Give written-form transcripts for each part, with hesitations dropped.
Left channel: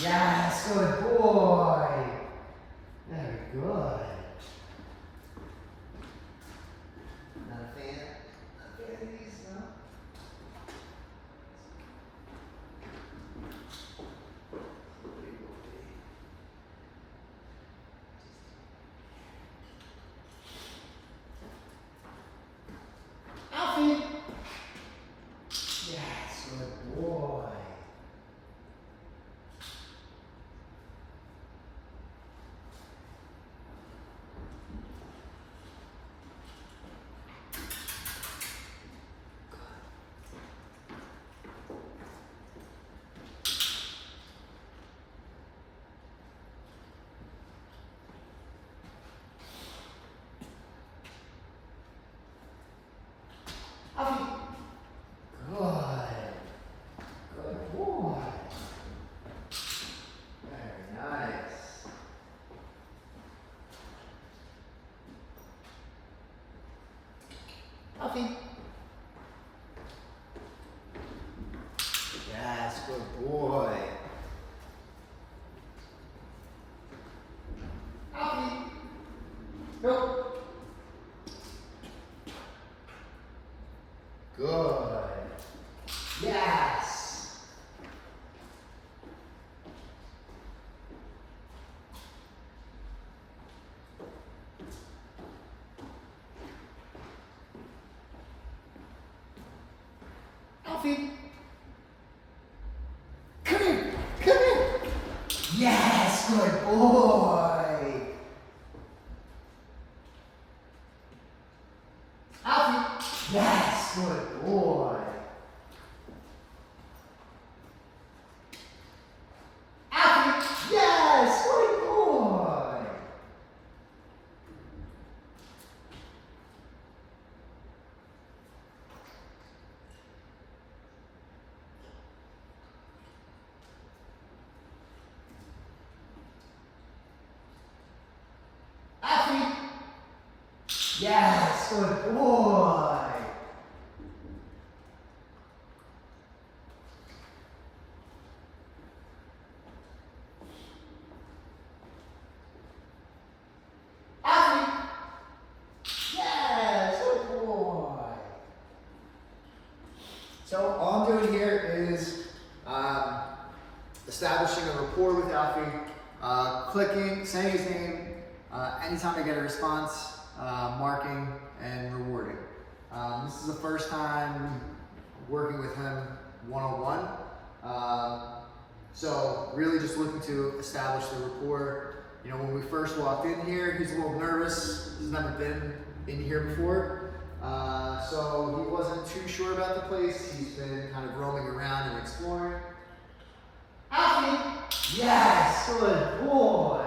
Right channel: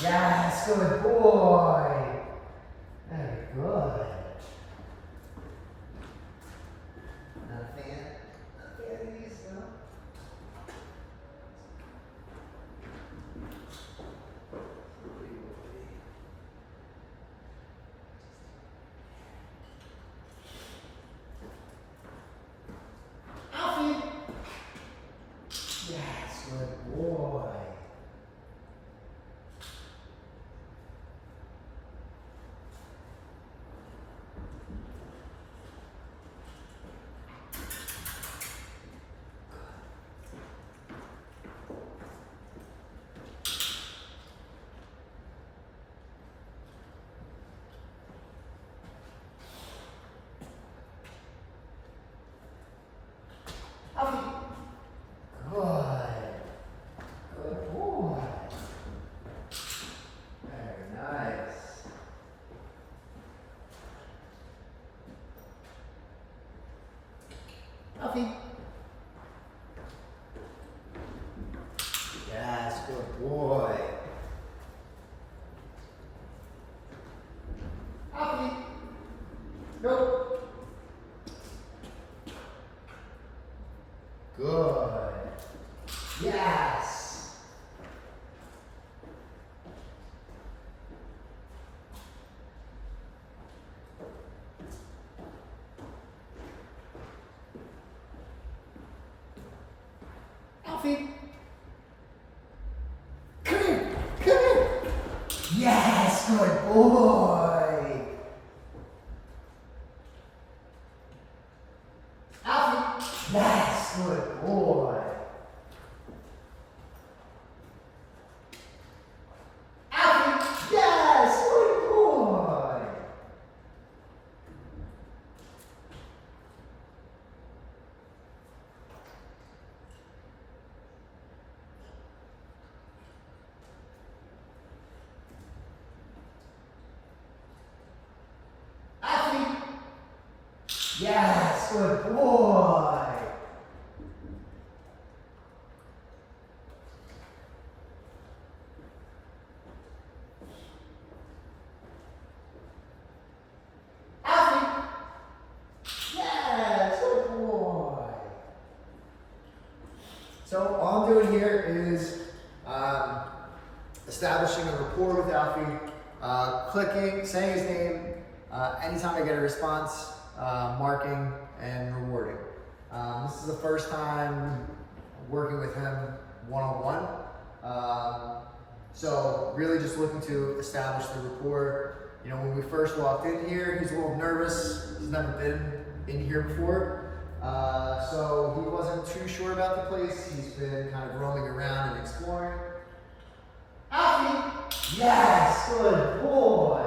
Yes, good boy. Very good. Not a fan? Not a fan of these, no? Alfie! Yes, good boy. Alfie! Good. Good boy. Very nice. Alfie. Yes, good boy. Alfie. Nope. Good. Yes. Alfie. Come here. Come here. Yes, good boy. Alfie. Yes, good boy. Alfie. Yes, good boy. Alfie. Yes, good boy. Alfie. Yes, good boy. So all I'm doing here is establishing a rapport with Alfie, clicking, saying his name, anytime I get a response, marking and rewarding. This is the first time working with him one-on-one. So really just looking to establish the rapport. You know, when we first walked in here, he's a little nervous. He's never been in here before. So he wasn't too sure about the place. He's been kind of roaming around and exploring. Alfie! Yes, good boy.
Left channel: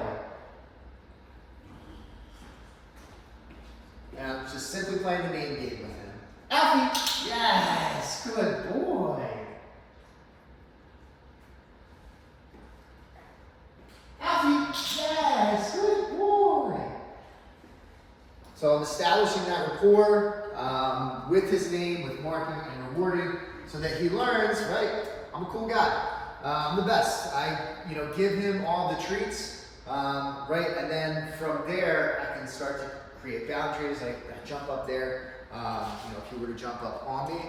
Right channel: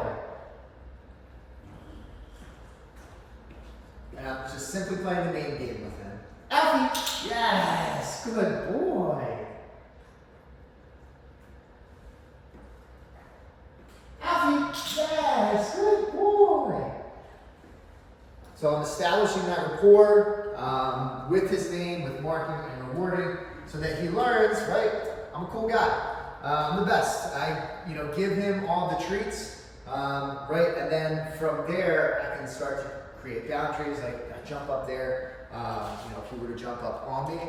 And I'm just simply playing the name game with him. Alfie! Yes, good boy. Alfie! Yes, good boy. So I'm establishing that rapport with his name, with marking and rewarding, so that he learns, right? I'm a cool guy. I'm the best. I, give him all the treats, right? And then from there, I can start to create boundaries. I jump up there. If he were to jump up on me,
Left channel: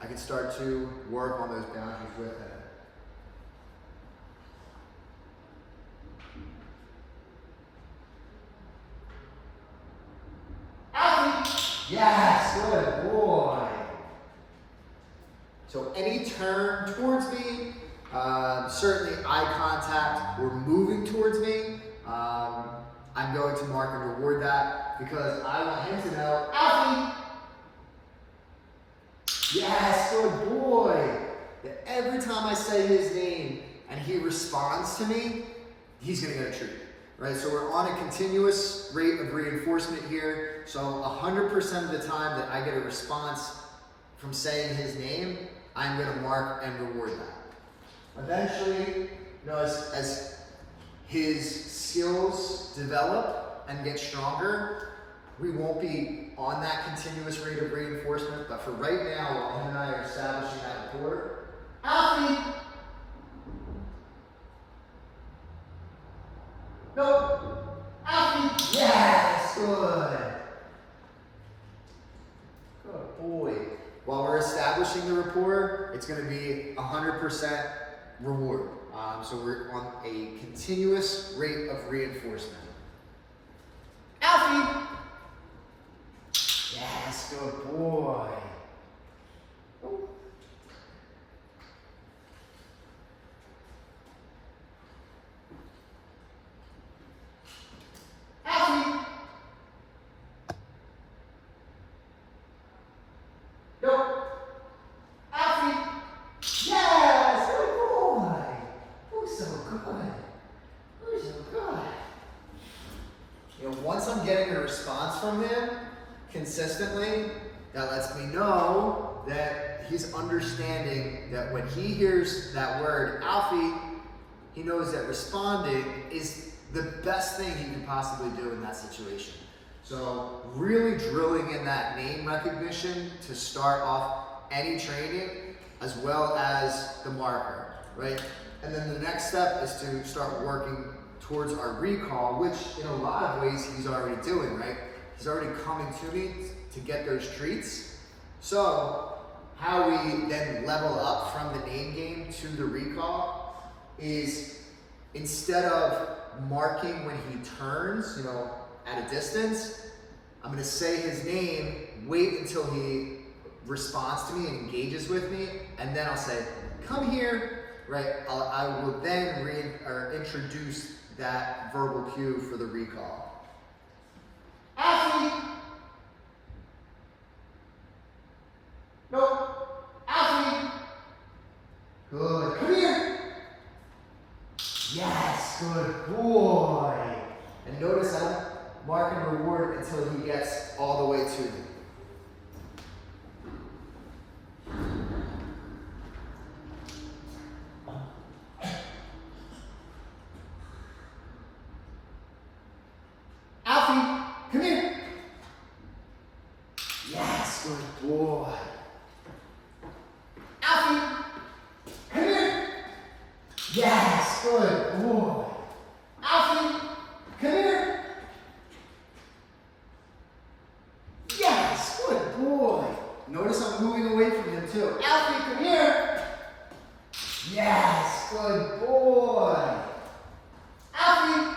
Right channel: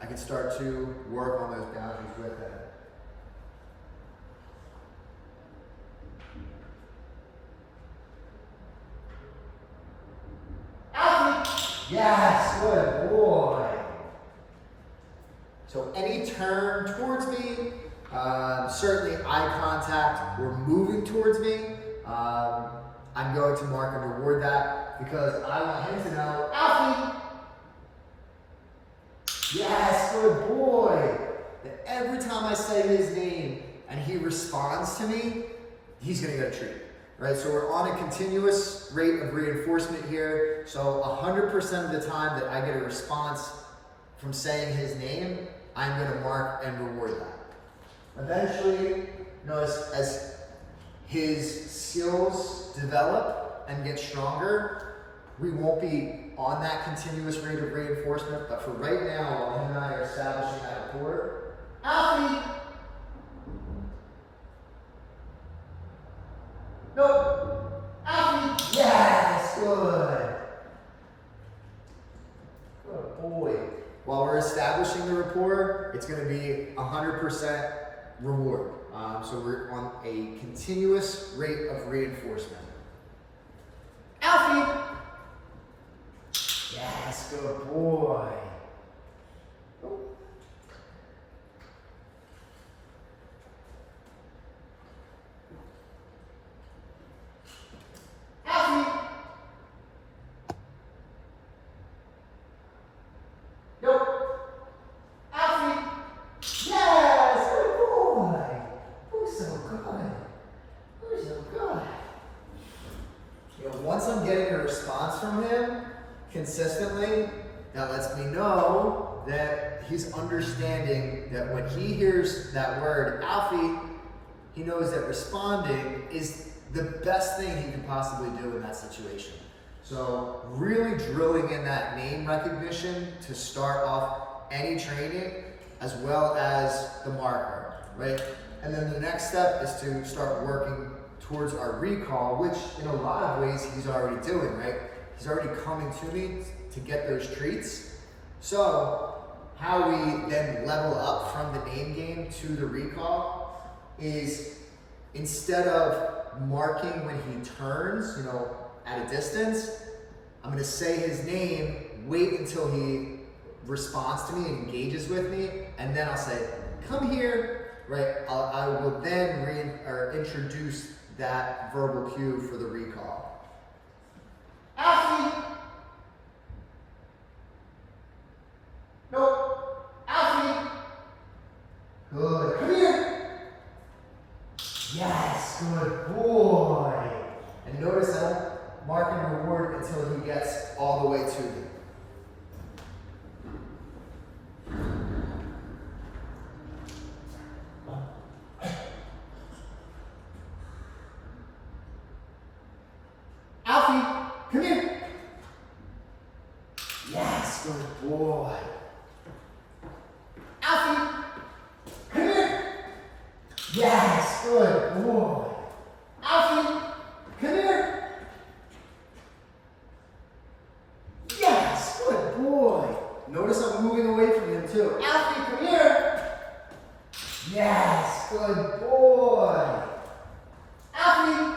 I can start to work on those boundaries with him. Alfie! Yes, good boy. So any turn towards me, certainly eye contact or moving towards me, I'm going to mark and reward that because I want him to know, Alfie! Yes, good boy. That every time I say his name and he responds to me, he's gonna get a treat, right? So we're on a continuous rate of reinforcement here. So 100% of the time that I get a response from saying his name, I'm gonna mark and reward that. Eventually, as his skills develop and get stronger, we won't be on that continuous rate of reinforcement, but for right now, while him and I are establishing that rapport, Alfie! establishing the rapport, it's going to be 100% reward. So we're on a continuous rate of reinforcement. Alfie! Yes, good boy. Oh. Alfie! Nope. Alfie! Yes, good boy. Who's so good? Who's so good? You know, once I'm getting a response from him consistently, that lets me know that he's understanding that when he hears that word, Alfie, he knows that responding is the best thing he could possibly do in that situation. So really drilling in that name recognition to start off any training as well as the marker, right? And then the next step is to start working towards our recall, which in a lot of ways he's already doing, right? He's already coming to me to get those treats. So how we then level up from the name game to the recall is instead of marking when he turns, you know, at a distance, I'm gonna say his name, wait until he responds to me and engages with me, and then I'll say, come here, right? I will then introduce that verbal cue for the recall. Alfie! Nope. Alfie! Good. Come here! Yes, good boy. And notice I'm marking reward until he gets all the way to me. Alfie, come here. Yes, good boy. Alfie, come here. Yes, good boy. Alfie, come here. Yes, good boy. Notice I'm moving away from him too. Alfie, come here. Yes, good boy. Alfie,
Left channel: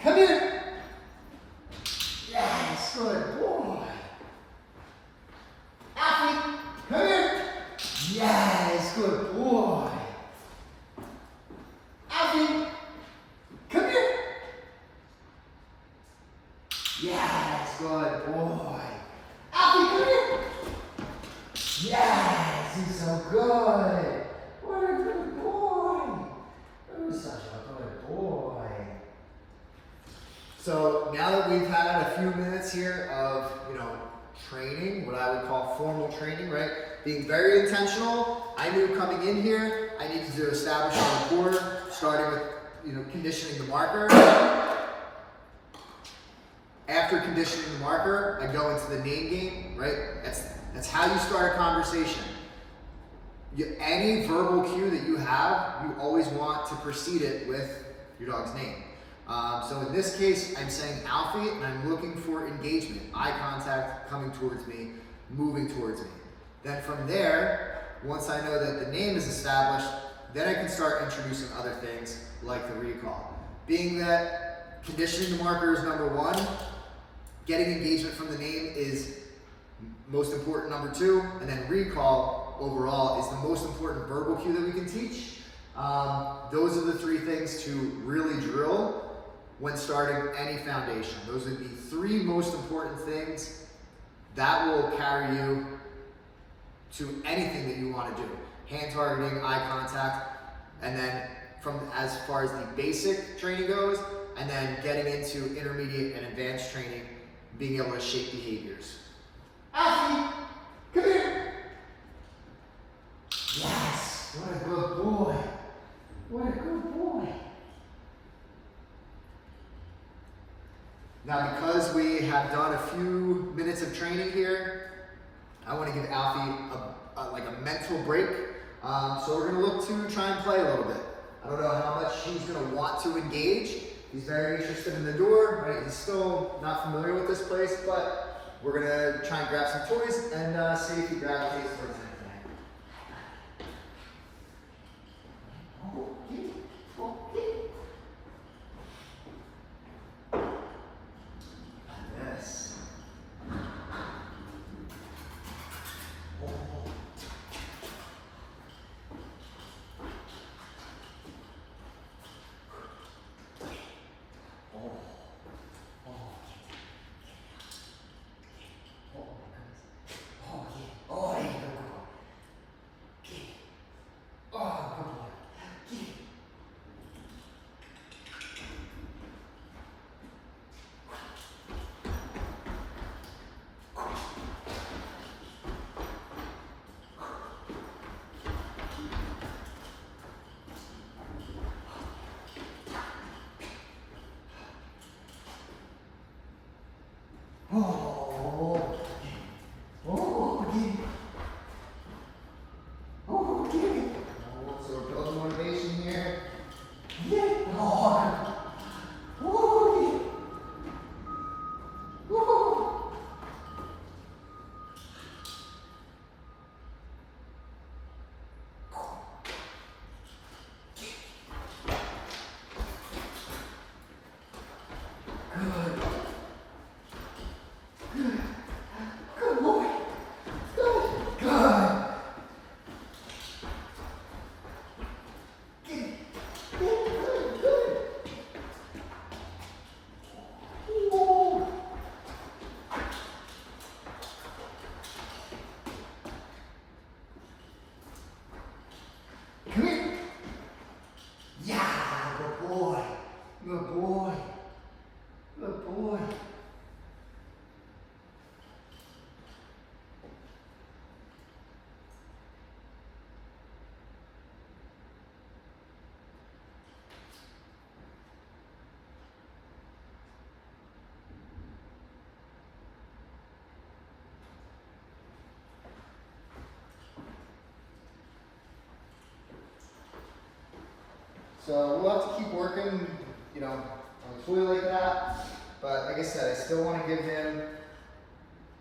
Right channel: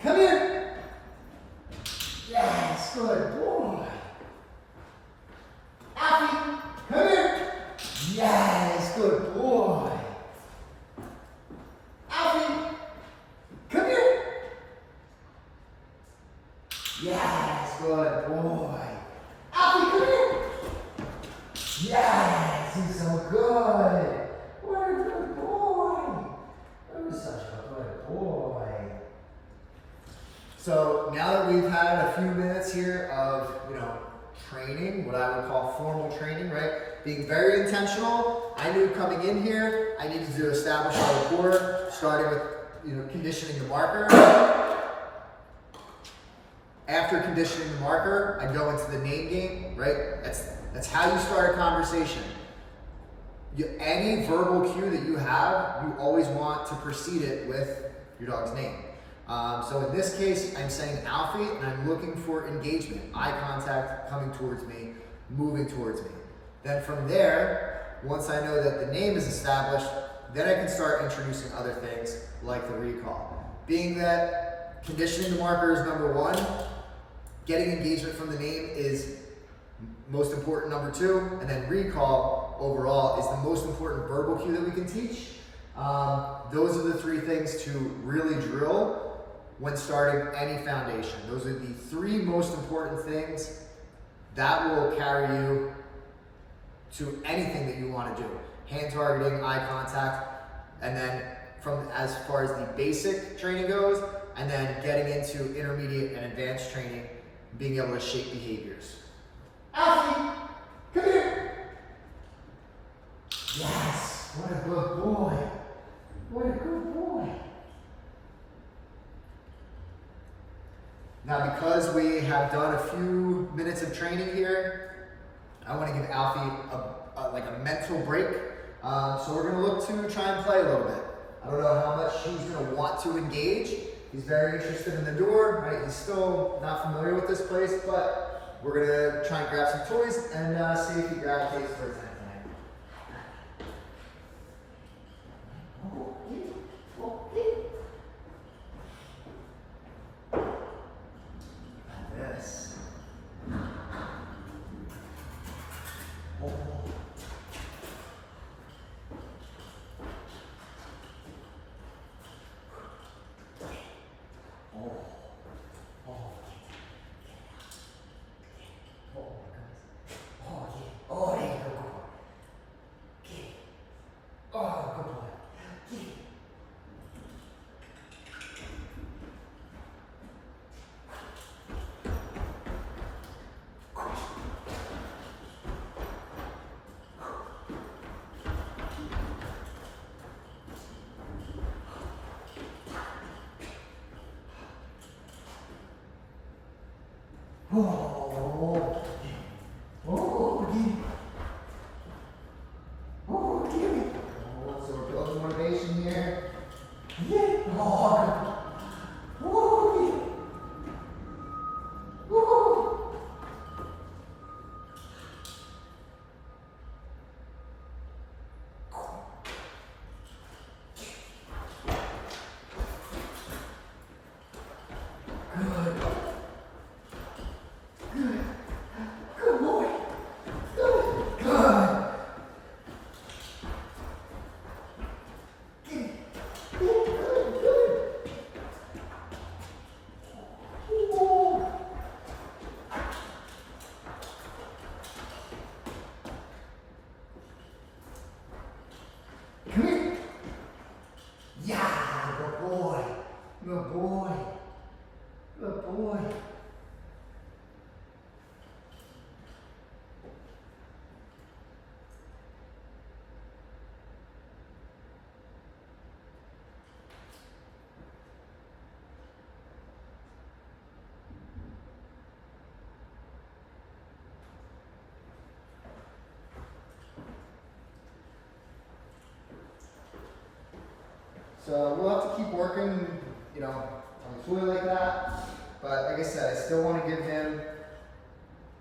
come here. Yes, good boy. Alfie, come here. Yes, good boy. Alfie, come here. Yes, good boy. Alfie, come here. Yes, he's so good. What a good boy. You're such a good boy. So now that we've had a few minutes here of, you know, training, what I would call formal training, right? Being very intentional. I knew coming in here, I needed to establish our rapport, starting with, you know, conditioning the marker. After conditioning the marker, I go into the name game, right? That's how you start a conversation. Any verbal cue that you have, you always want to precede it with your dog's name. So in this case, I'm saying Alfie, and I'm looking for engagement, eye contact coming towards me, moving towards me. Then from there, once I know that the name is established, then I can start introducing other things like the recall. Being that conditioning the marker is number one, getting engagement from the name is most important number two, and then recall overall is the most important verbal cue that we can teach. Those are the three things to really drill when starting any foundation. Those are the three most important things that will carry you to anything that you want to do. Hand targeting, eye contact, and then from as far as the basic training goes, and then getting into intermediate and advanced training, being able to shape behaviors. Alfie, come here. Yes, what a good boy. What a good boy. Now, because we have done a few minutes of training here, I want to give Alfie a mental break. So we're going to look to try and play a little bit. I don't know how much he's going to want to engage. He's very interested in the door, right? He's still not familiar with this place, but we're going to try and grab some toys and see if he gravitates towards anything. Oh, oh, give me. Oh, give me. Oh, so we're building motivation here. Yeah. Oh, oh, oh. Good. Good. Good boy. Good. Good. Good. Good. Good. Oh. Come here. Yeah, good boy. Good boy. Good boy. So we'll have to keep working, on the toy like that. But like I said, I still want to give him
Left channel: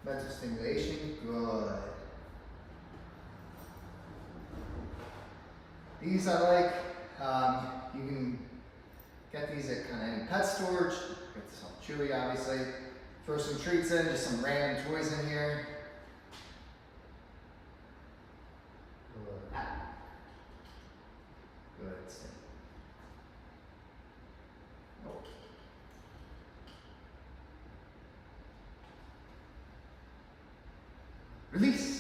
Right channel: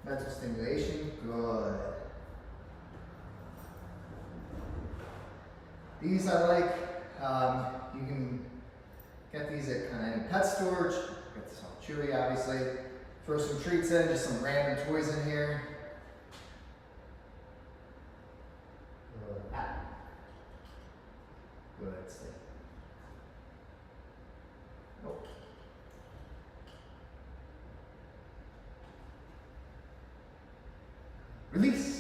mental stimulation. Good. These I like. You can get these at kind of any pet storage. Get this on Chewy, obviously. Throw some treats in, just some random toys in here. Good. Good. Stay. Nope. Release.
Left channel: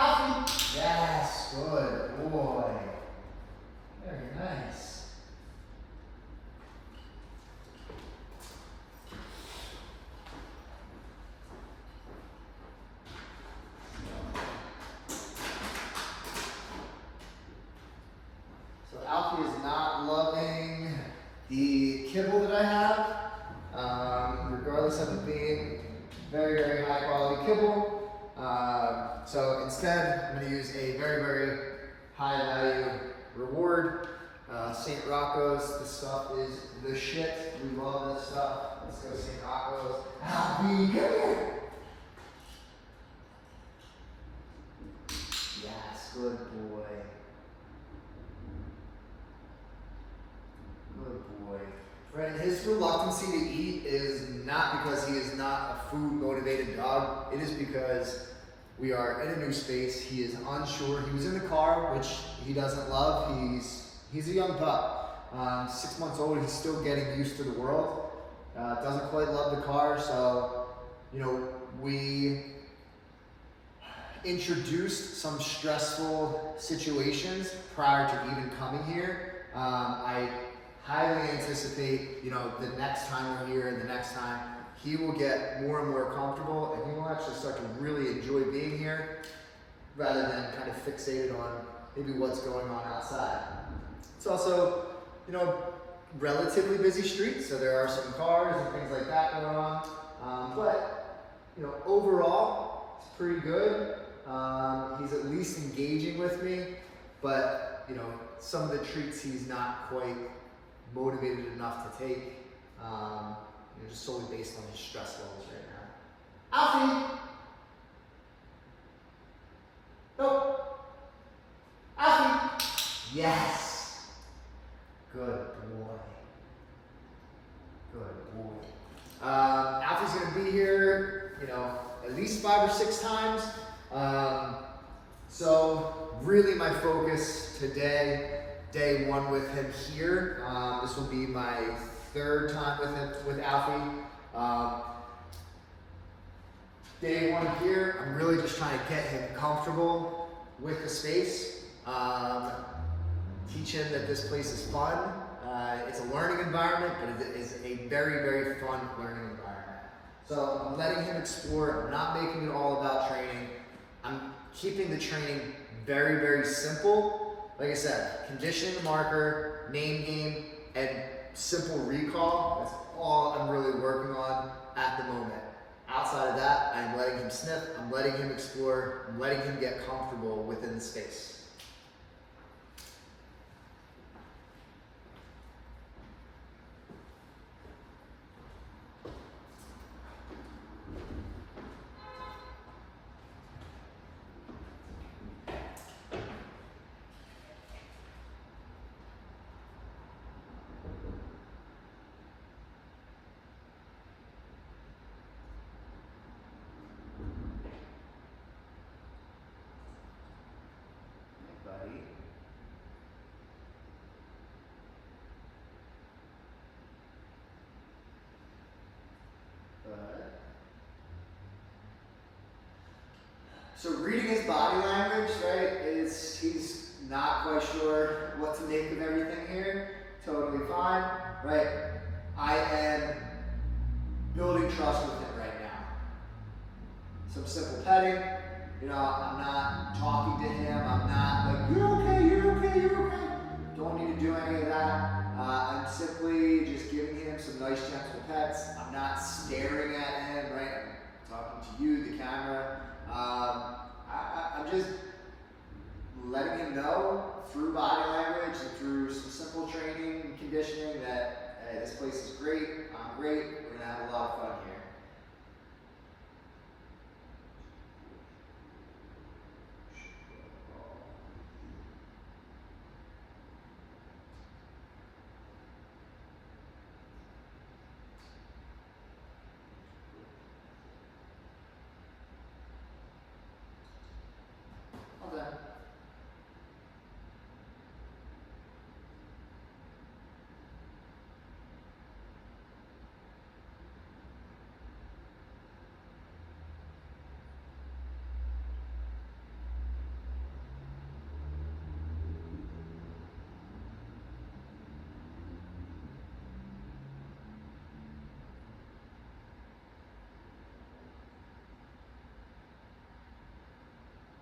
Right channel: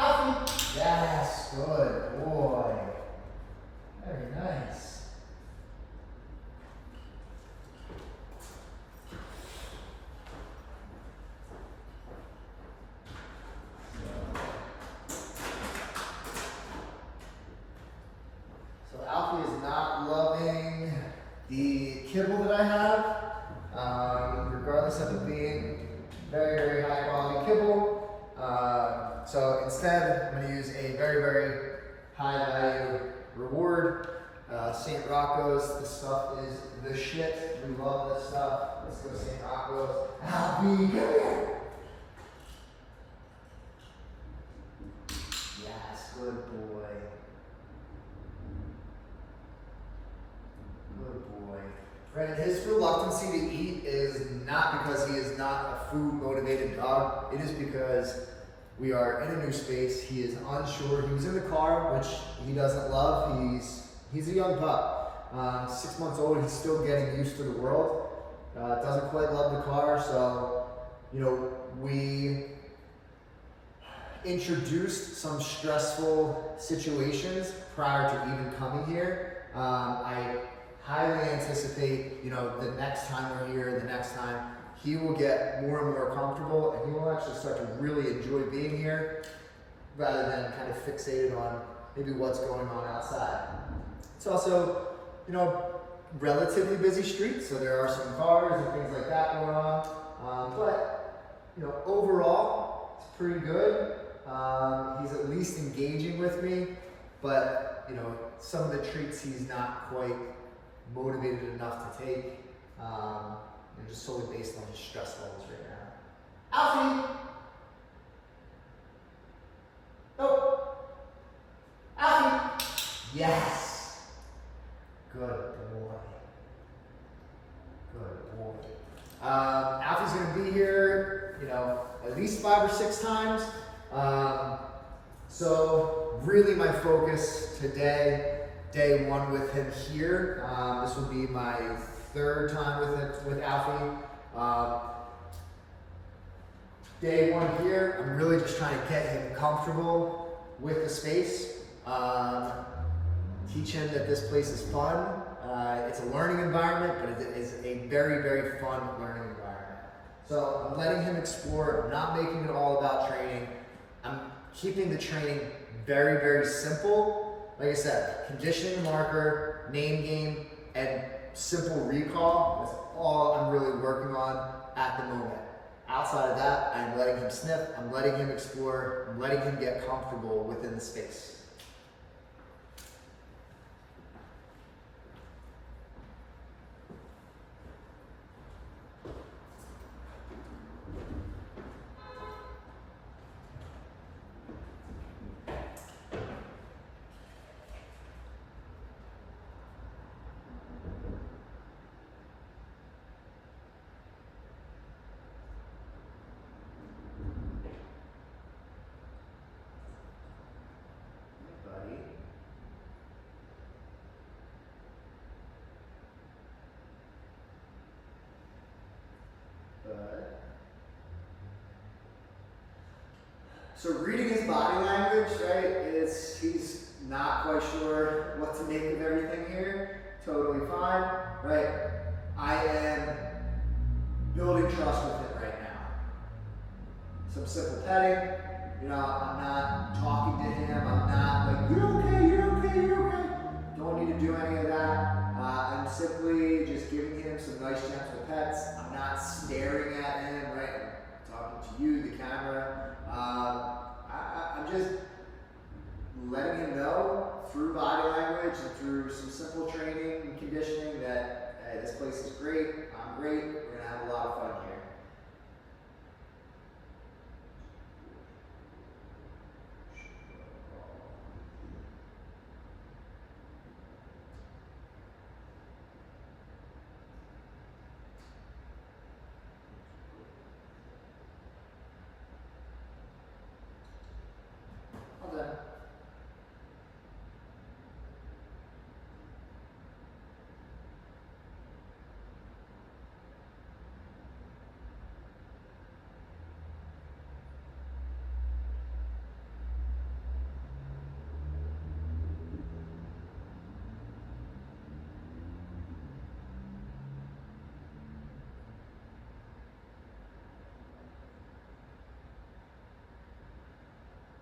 Alfie. Yes, good boy. Very nice. So Alfie is not loving the kibble that I have, regardless of it being very, very high quality kibble. So instead, I'm going to use a very, very high value reward. St. Rocco's. This stuff is the shit. We love this stuff. Let's go St. Rocco's. Alfie, come here. Yes, good boy. Good boy. Right, and his reluctancy to eat is not because he is not a food motivated dog. It is because we are in a new space. He is unsure. He was in the car, which he doesn't love. He's a young pup. 6 months old. He's still getting used to the world. Doesn't quite love the car. So, we introduced some stressful situations prior to even coming here. I highly anticipate, the next time we're here, the next time, he will get more and more comfortable and he will actually start to really enjoy being here rather than kind of fixated on maybe what's going on outside. It's also, relatively busy streets, so there are some cars and things like that going on. But, overall, it's pretty good. He's at least engaging with me, but, some of the treats he's not quite motivated enough to take. Just solely based on his stress levels right now. Alfie! Nope. Alfie! Yes! Good boy. Good boy. Alfie's going to least 5 or 6 times. So really my focus today, day 1 with him here. This will be my 3rd time with Alfie. Day 1 here, I'm really just trying to get him comfortable with the space. Teach him that this place is fun. It's a learning environment, but it is a very, very fun learning environment. So I'm letting him explore. I'm not making it all about training. I'm keeping the training very, very simple. Like I said, conditioning the marker, name game, and simple recall is all I'm really working on at the moment. Outside of that, I'm letting him sniff, I'm letting him explore, I'm letting him get comfortable within the space. So reading his body language, right, he's not quite sure what to make of everything here. Totally fine, right? I am building trust with him right now. Some simple petting, you know, I'm not talking to him, I'm not like, you're okay, you're okay, you're okay. Don't need to do any of that. I'm simply just giving him some nice gentle pets. I'm not staring at him, right? I'm talking to you, the camera. I'm just letting him know through body language and through some simple training and conditioning that hey, this place is great, I'm great, we're going to have a lot of fun here. All done.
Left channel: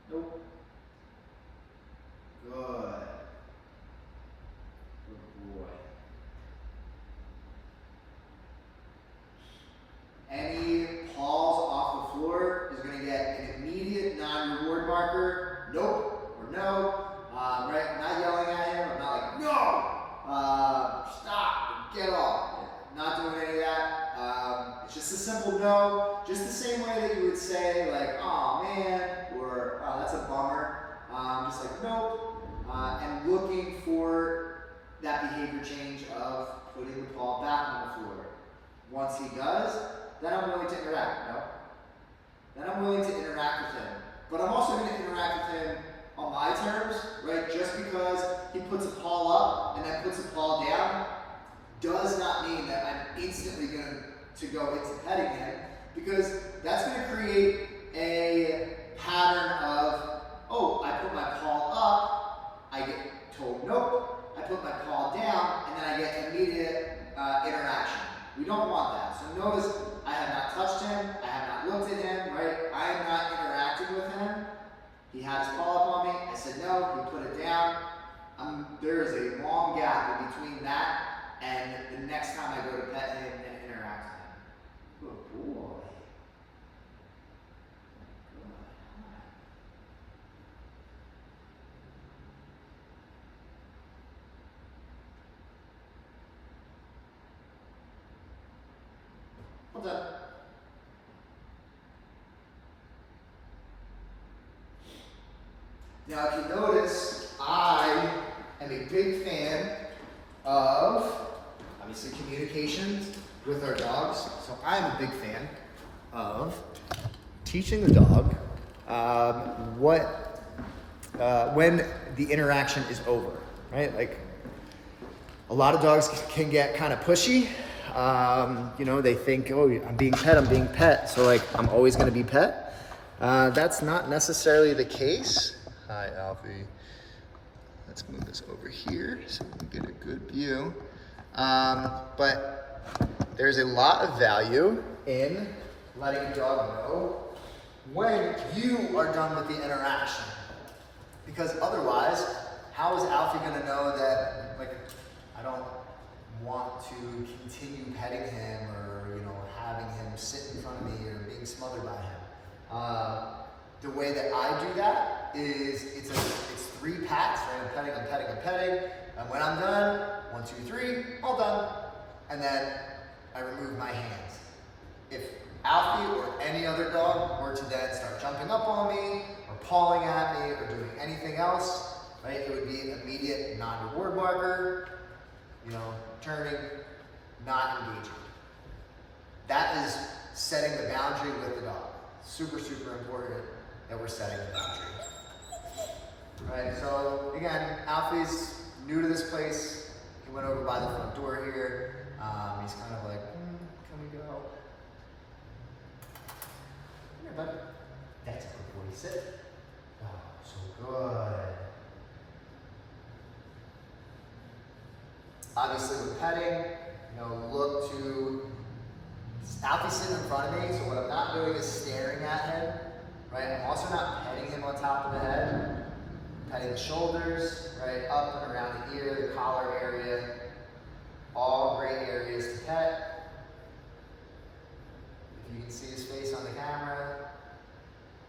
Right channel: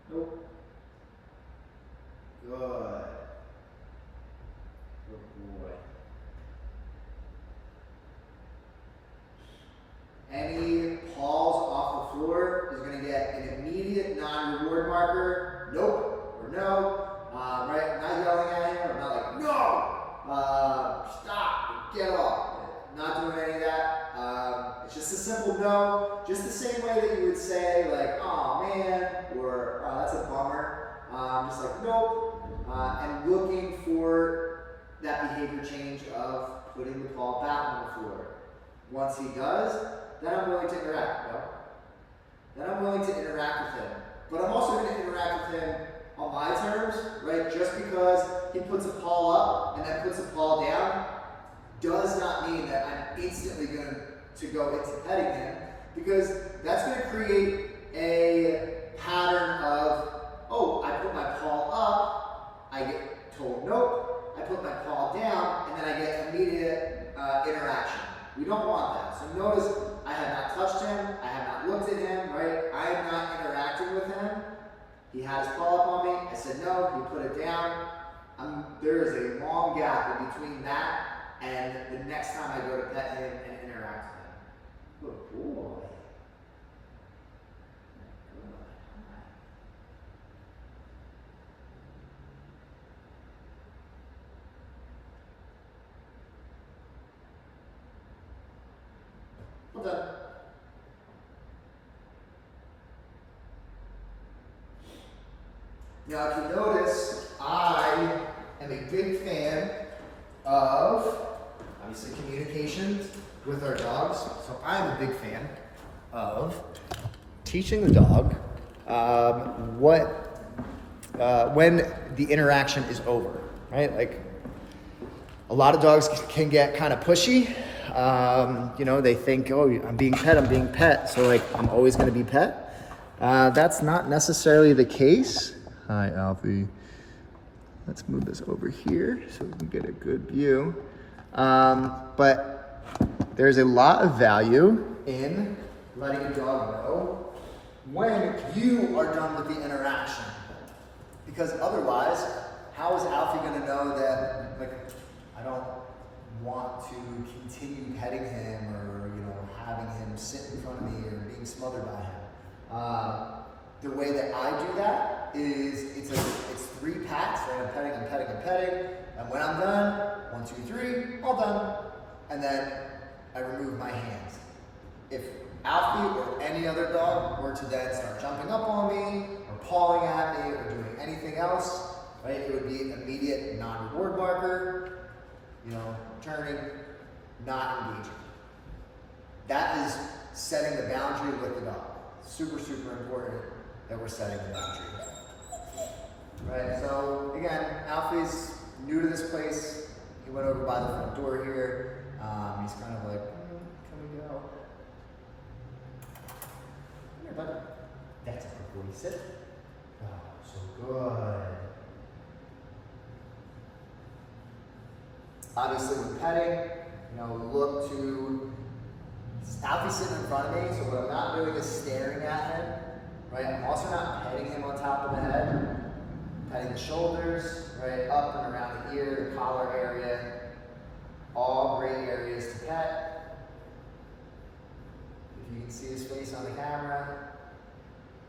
Nope. Good. Good boy. Any paws off the floor is going to get an immediate non-reward marker. Nope or no. Right? I'm not yelling at him. I'm not like, no! Stop! Get off. Not doing any of that. It's just a simple no. Just the same way that you would say like, oh man, or oh, that's a bummer. Just like, nope. And looking for that behavior change of putting the paw back on the floor. Once he does, then I'm willing to interact, no? Then I'm willing to interact with him. But I'm also going to interact with him on my terms, right? Just because he puts a paw up and then puts a paw down does not mean that I'm instantly going to go into petting him, because that's going to create a pattern of, oh, I put my paw up, I get told nope, I put my paw down, and then I get immediate interaction. We don't want that. So notice I have not touched him, I have not looked at him, right? I am not interacting with him. He had his paw up on me, I said no, he put it down. There is a long gap in between that and the next time I go to pet him and interact with him. Good boy. Well done. Now, if you notice, I am a big fan of, obviously, communications with our dogs. So I'm a big fan of teaching the dog when the interaction is over, right? Like a lot of dogs can get kind of pushy. You know, they think, oh, I'm being pet, so like I'm always going to be pet. That's not necessarily the case. Hi, Alfie. Let's move this over here so we can get a good view. But there's a lot of value in letting a dog know when you are done with the interaction. Because otherwise, how is Alfie going to know that, like, I don't want to continue petting him or, you know, having him sit in front of me or being smothered by him? The way that I do that is it's 3 pats, right? I'm petting. And when I'm done, 1, 2, 3, all done. And then I remove my hands. If Alfie or any other dog were to then start jumping up on me or pawing at me or doing anything else, right? It would be immediate non-reward marker, you know, turning, not engaging. That is setting the boundary with the dog. Super, super important that we're setting the boundary. Right, so again, Alfie's new to this place. He went over by the front door here. He's kind of like, can we go? Come here, bud. That's a good boy. Sit. Oh, so good. Obviously with petting, you know, look to, Alfie's sitting in front of me, so what I'm not doing is staring at him, right? I'm also not petting him on top of the head. Petting the shoulders, right, up and around the ear, the collar area, all great areas to pet. If you can see his face on the camera,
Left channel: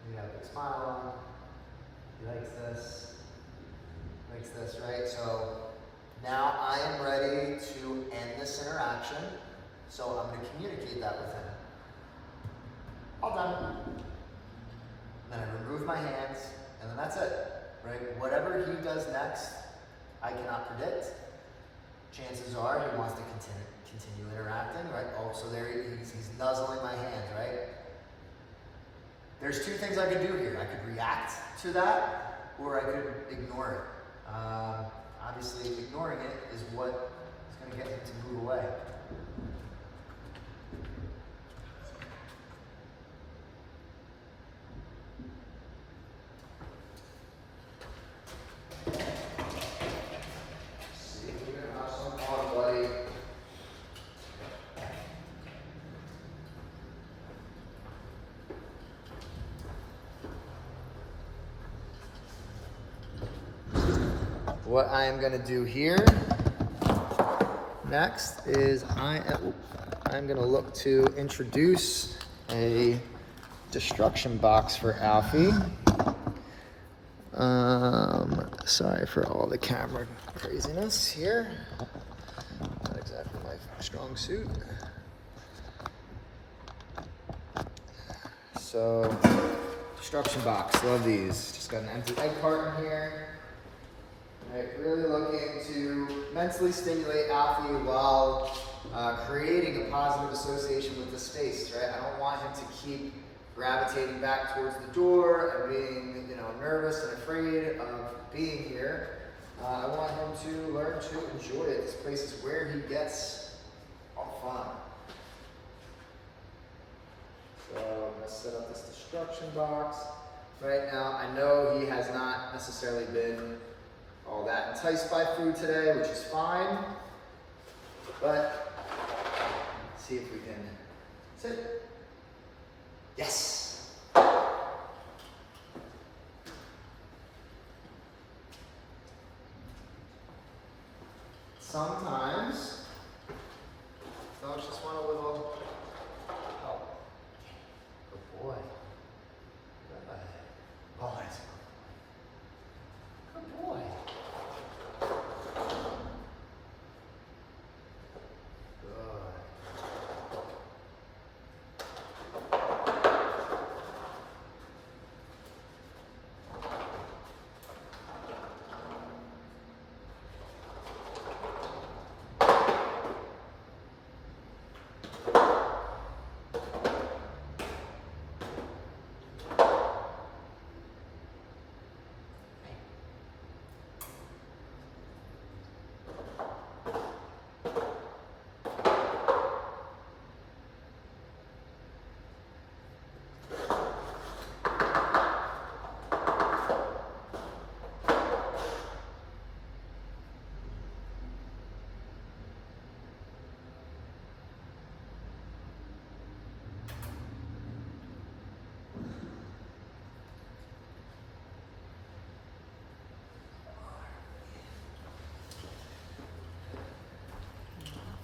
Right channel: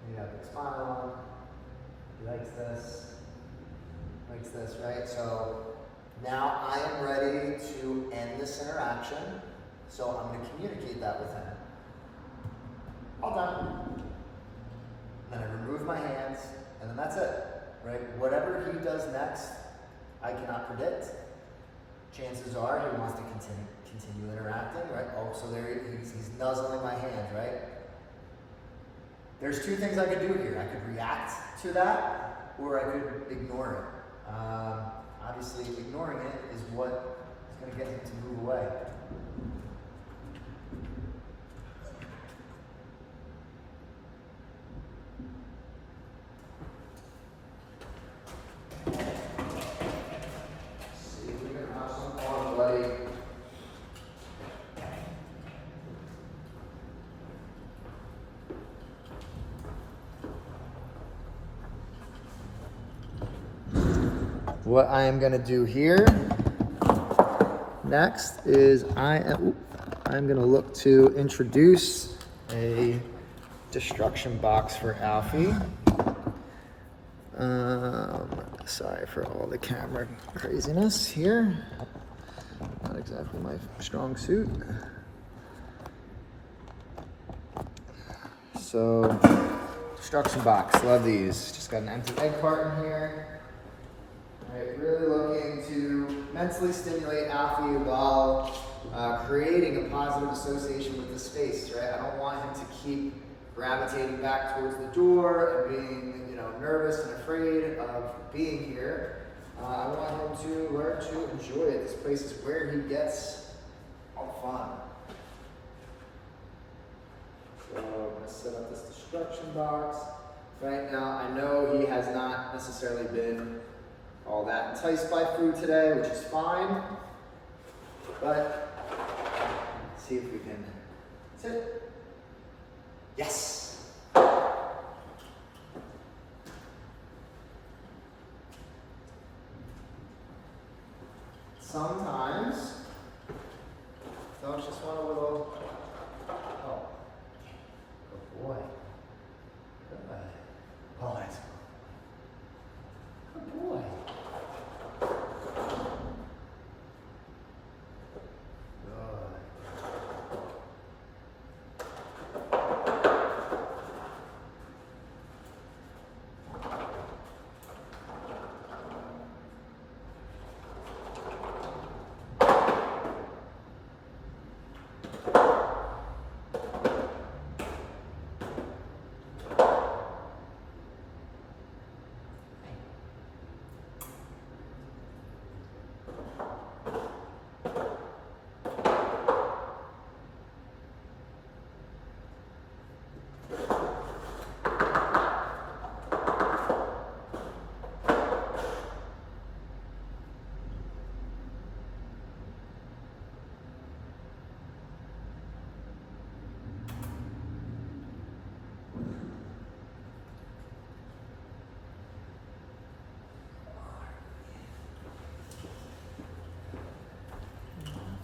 maybe have a big smile on. He likes this, right? So now I am ready to end this interaction. So I'm going to communicate that with him. All done. Then I remove my hands, and then that's it. Right? Whatever he does next, I cannot predict. Chances are he wants to continue interacting, right? Oh, so there he's nuzzling my hands, right? There's 2 things I could do here. I could react to that, or I could ignore it. Obviously, ignoring it is what is going to get him to move away. What I am going to do here next is I'm going to look to introduce a destruction box for Alfie. Sorry for all the camera craziness here. Not exactly my strong suit. So, destruction box, love these. Just got an empty egg carton here. Right, really looking to mentally stimulate Alfie while creating a positive association with the space, right? I don't want him to keep gravitating back towards the door and being, you know, nervous and afraid of being here. I want him to learn to enjoy it. This place is where he gets all the fun. So I'm going to set up this destruction box. Right now, I know he has not necessarily been all that enticed by food today, which is fine. But let's see if we can sit. Yes. Sometimes dogs just want a little help. Good boy. Good. Oh, that's good boy.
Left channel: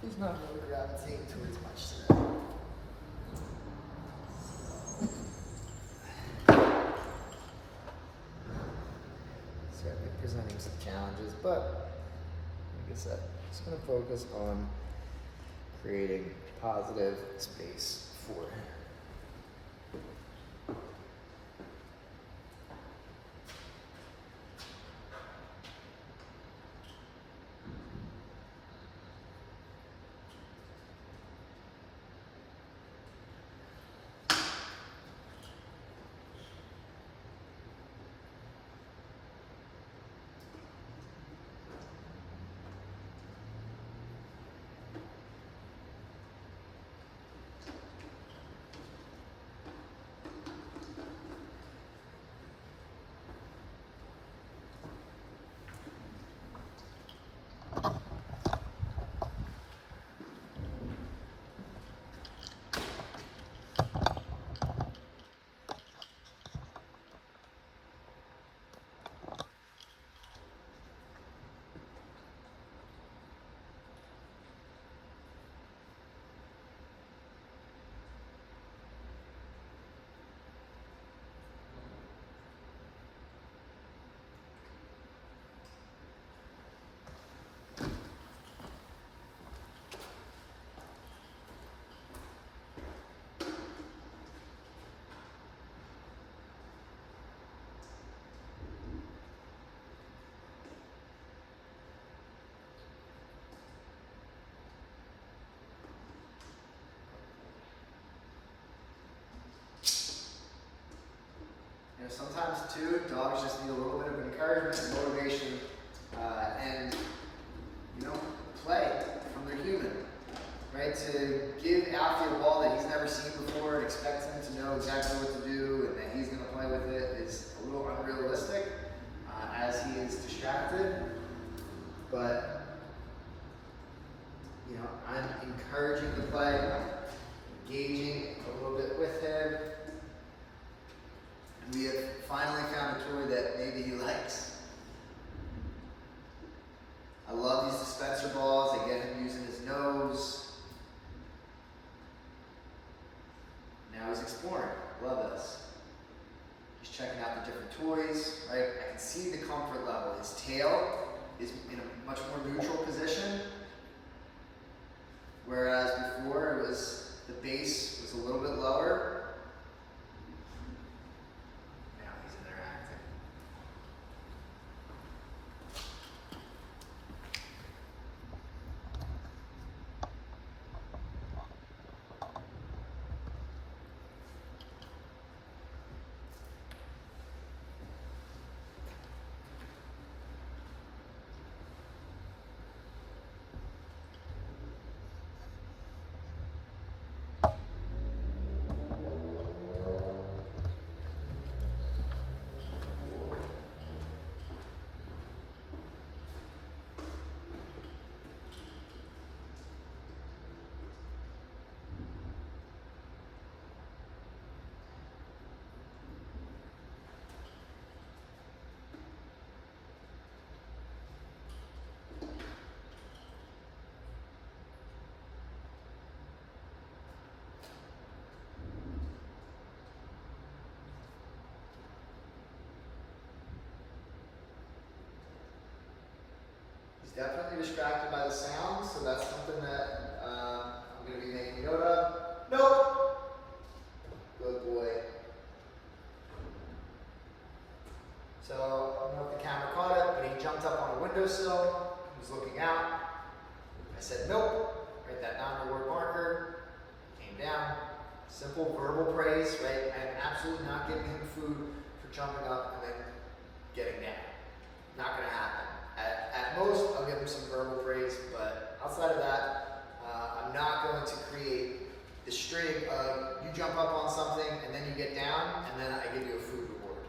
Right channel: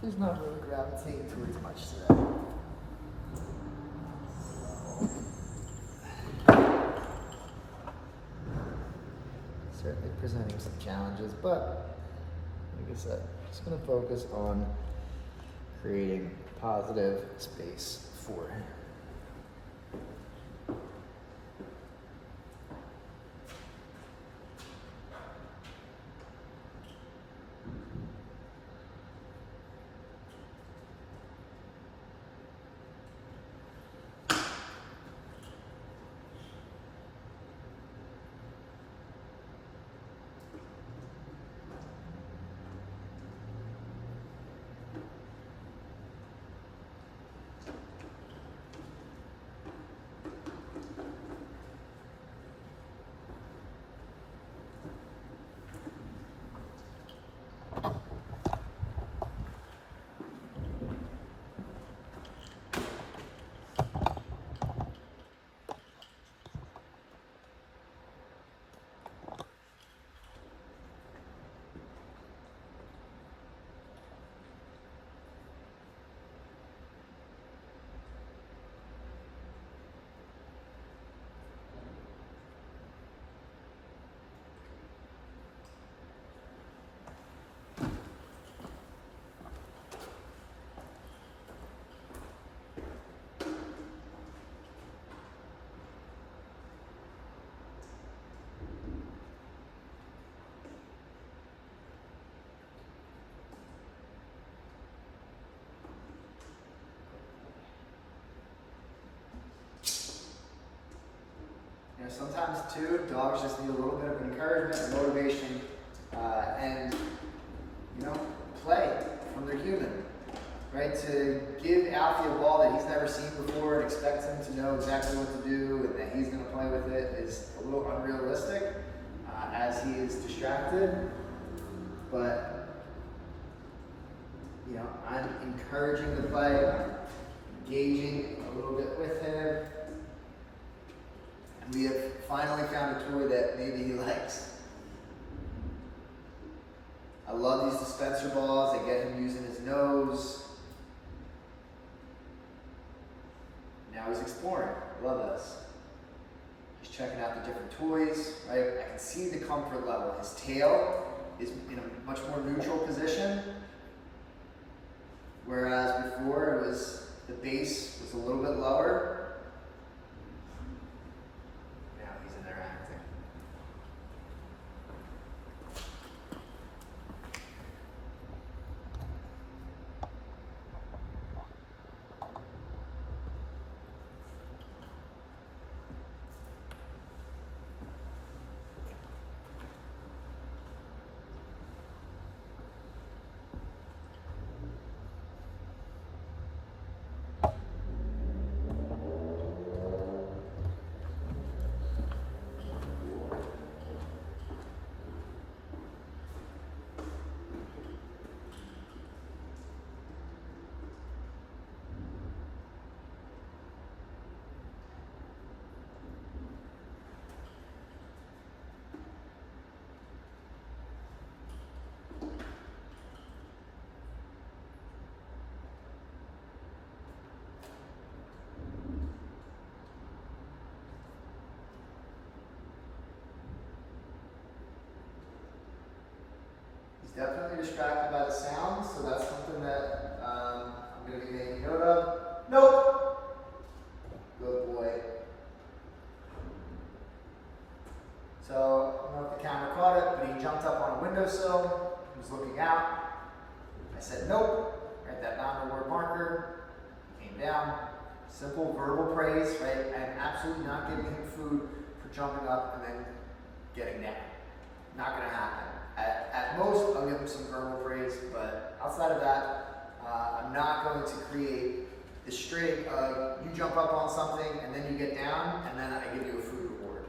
Alfie's not really gravitating towards much today. Certainly presenting some challenges, but like I said, just going to focus on creating positive space for him. Sometimes too, dogs just need a little bit of encouragement and motivation, and play from their human, right? To give Alfie a ball that he's never seen before and expect him to know exactly what to do and that he's going to play with it is a little unrealistic, as he is distracted. But I'm encouraging the play. I'm engaging a little bit with him. And we have finally found a toy that maybe he likes. I love these dispenser balls. I get him using his nose. Now he's exploring. I love this. He's checking out the different toys, right? I can see the comfort level. His tail is in a much more neutral position. Whereas before the base was a little bit lower. Definitely distracted by the sound, so that's something that I'm going to be making note of. Nope. Good boy. So, I don't know if the camera caught it, but he jumped up on a windowsill. He was looking out. I said nope. Write that down to word marker. Came down. Simple verbal praise, right? I'm absolutely not giving him food for jumping up and then getting down. Not going to happen. At most, I'll give him some verbal praise, but outside of that, I'm not going to create the streak of you jump up on something and then you get down and then I give you a food reward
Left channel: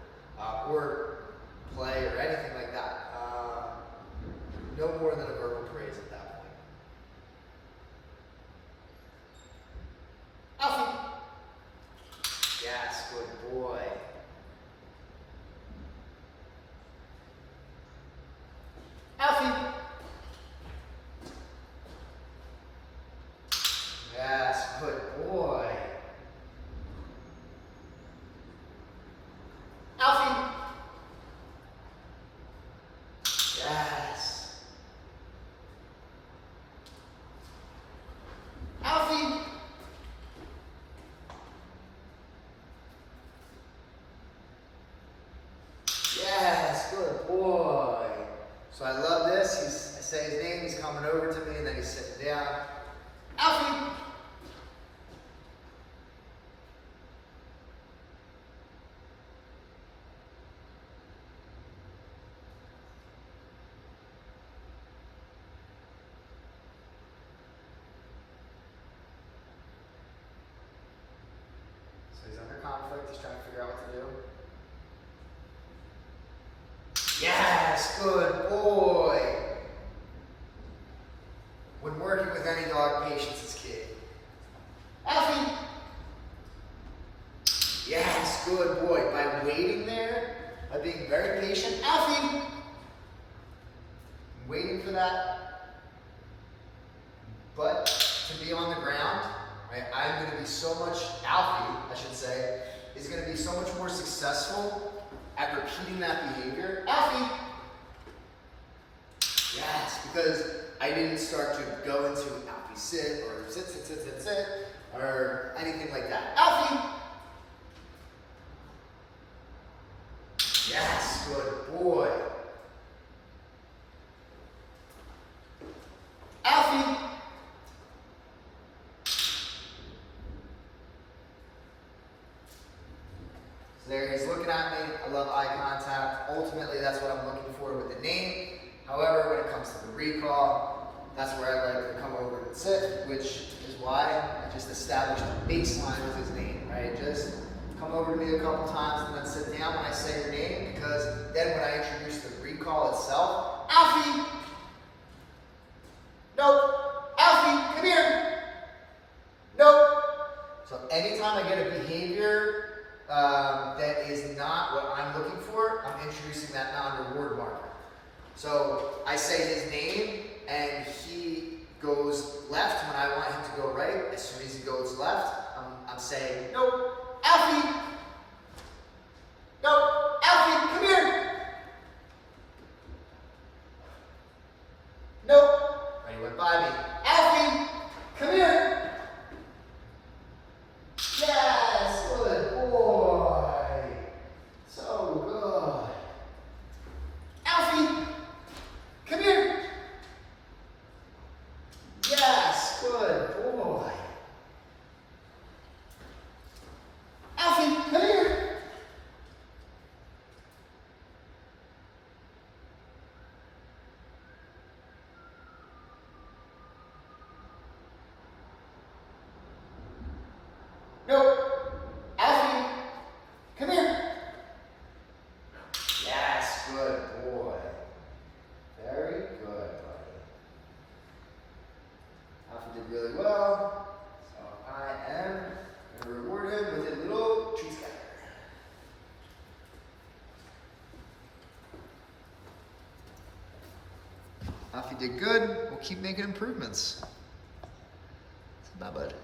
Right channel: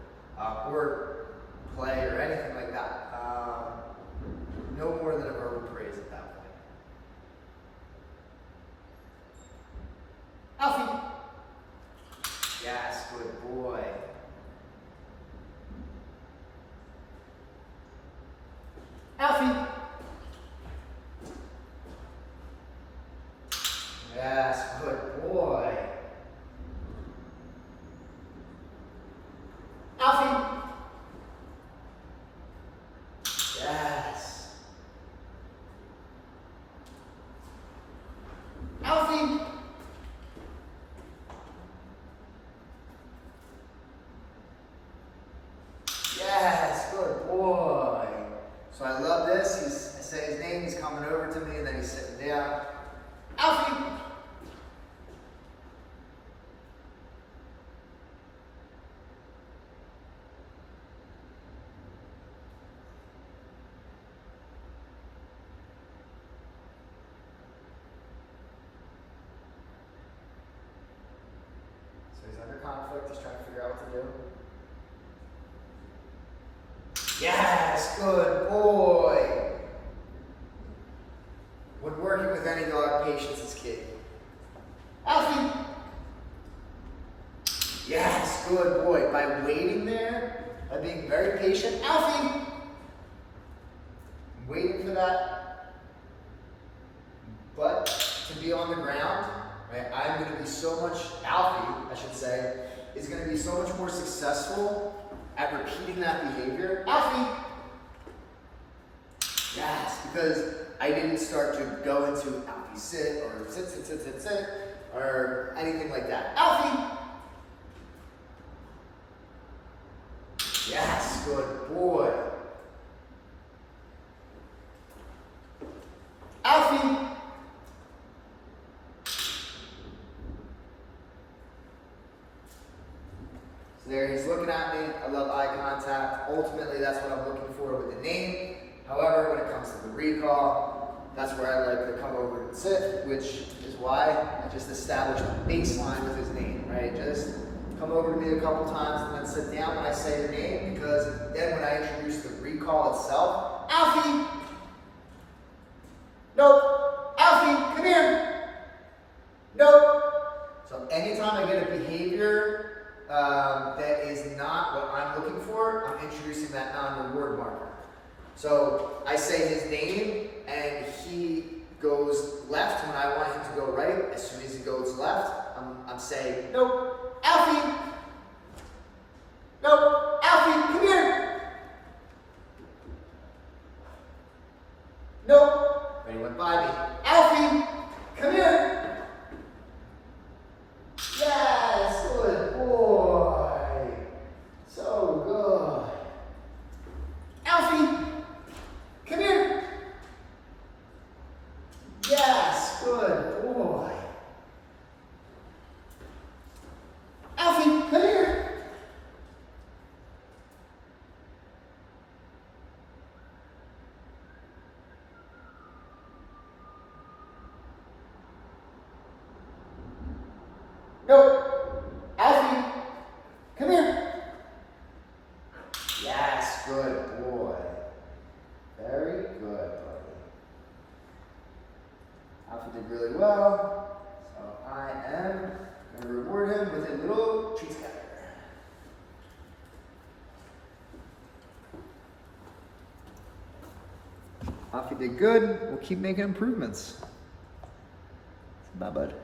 or play or anything like that. No more than a verbal praise at that point. Alfie! Yes, good boy. Alfie! Yes. Alfie. Yes, good boy. So I love this. I say his name, he's coming over to me, and then he's sitting down. Alfie. So he's under conflict, he's trying to figure out what to do. Yes, good boy. When working with any dog, patience is key. Alfie. Yes, good boy. By waiting there, by being very patient. Alfie. Waiting for that butt to be on the ground. Right? I'm going to be so much, Alfie, I should say, is going to be so much more successful at repeating that behavior. Alfie. Yes, because I didn't start to go into Alfie sit or sit or anything like that. Alfie. Yes, good boy. Alfie. So there he's looking at me. I love eye contact. Ultimately, that's what I'm looking for with the name. However, when it comes to the recall, that's where I like to come over and sit, which is why I just established a baseline with his name, right? Just come over to me a couple times and then sit down when I say your name, because then when I introduce the recall itself, Alfie! Nope. Alfie, come here. Nope. So anytime I get a behavior that is not what I'm looking for, I'm introducing that non-reward marker. So I say his name and he goes left when I want him to go right. As soon as he goes left, I'm saying, nope, Alfie. Nope, Alfie, come here. Nope. And he went by me. Alfie, come here. Yes, good boy. So good. Alfie, come here. Yes, good boy. Alfie, come here. Nope. Alfie, come here. Yes, good boy. Very good, buddy. Alfie did really well. So I am going to reward him with a little treat scatter. Alfie did good. We'll keep making improvements. Bye, bud.